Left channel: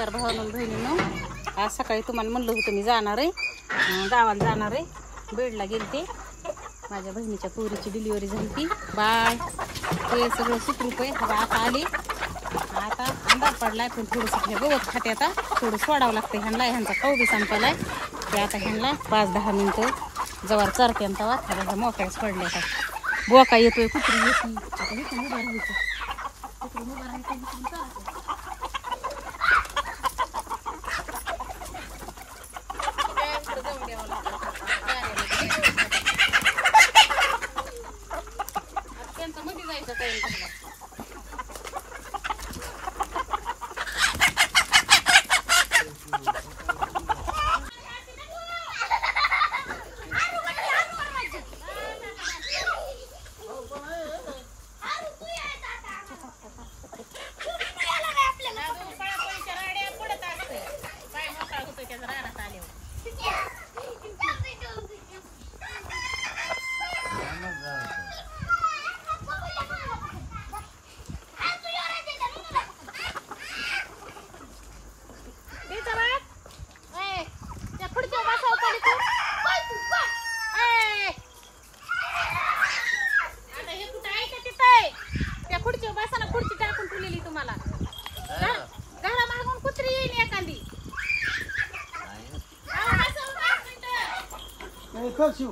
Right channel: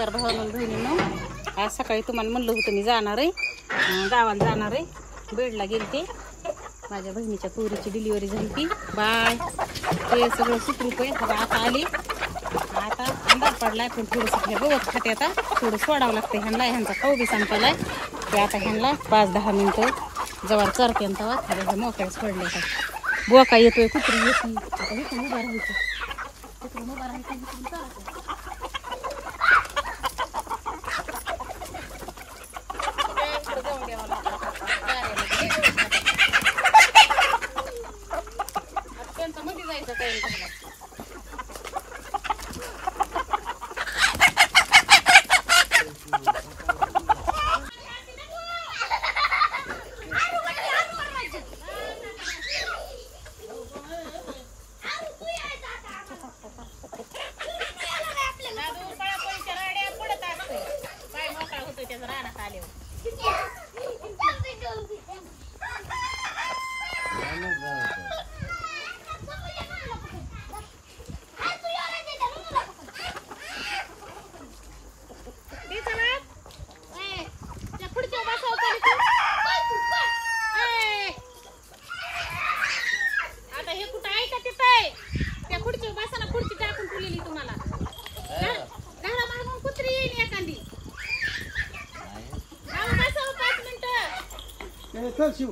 नमस्कार भावांनो बहिणींनो. आज सकाळी तुम्हाला म्हणलं होतं मी जाणार आहे, गावाला जाणार आहे. बेडला गेलते, माझ्या बहिणीच्या पोरीची डिलिव्हरी झाली ती. बाय ते सगळं सुखरूप आहे. आता आली, आता अंधार पडलाय पण थोडंसं गवत खाते. आता थोडं सोडावं लागतं ह्यांना, ह्यांचा खाऊ बी संपलाय. ते आता ह्यांना 5-10 मिनिटं जवळ करते तेव्हा थोड्या मोकळ्याच पडले. आता बोका येतोय, कुत्री येते. आता इथून उभा राहायचं, इथून उभा राहायचं, इथून चालायचं. त्यांचं मध्ये जायचं काही रानात आल्यावर त्या खुर्चीवर बसावं आता हे कुठं आहे का तिथं आहे? त्या खुर्चीवर बसा ना, खुर्ची टाकून ठेवलेली तुम्हाला. घरा मागून कुत्री येईल एखादी. चल शिव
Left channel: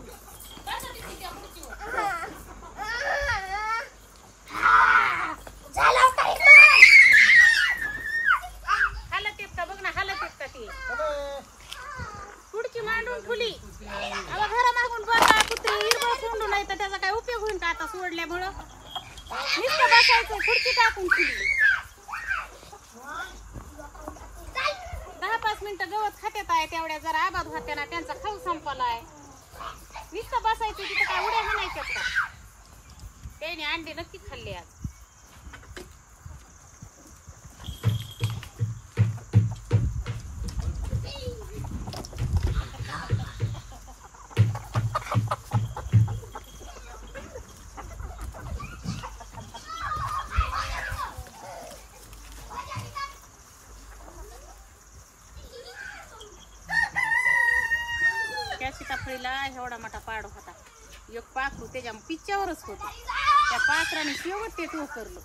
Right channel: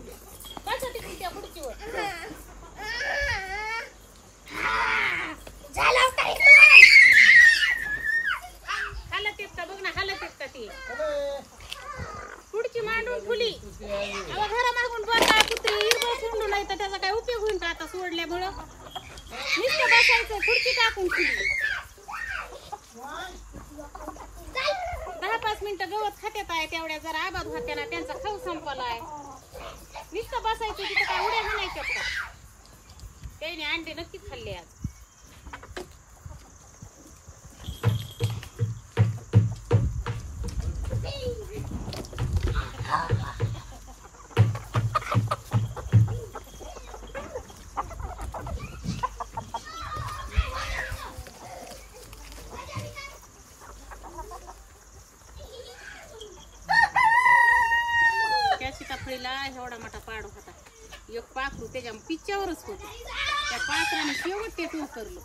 हालत येत का बघ ना, हालत येत का ती पुढची मांडून ठुली. घरा मागून बघा कुत्री हिरबळ कोंडून नाही तर त्याचा काय उपयोग होईल का आता सोडल्यामुळं? नुसतं बसायचं, खुर्ची टाकून ठुली. 10-5 मिनिटं गवत खात्यात आहे, तेवढ्या जरा आबाद होत्या ना, त्यांचा खाऊ संपलाय. नुसतं बसायचं, तिथं काय उड्या हाणायच्यात का? त्याने अंडे नक्कीच खाल्ले आज. सीताफळीला एवढा मोठा पाड होता, एक पाखरू त्याच्या पिच्च्यावरच होत. त्या पाखराने शेवट ते टोकरलं.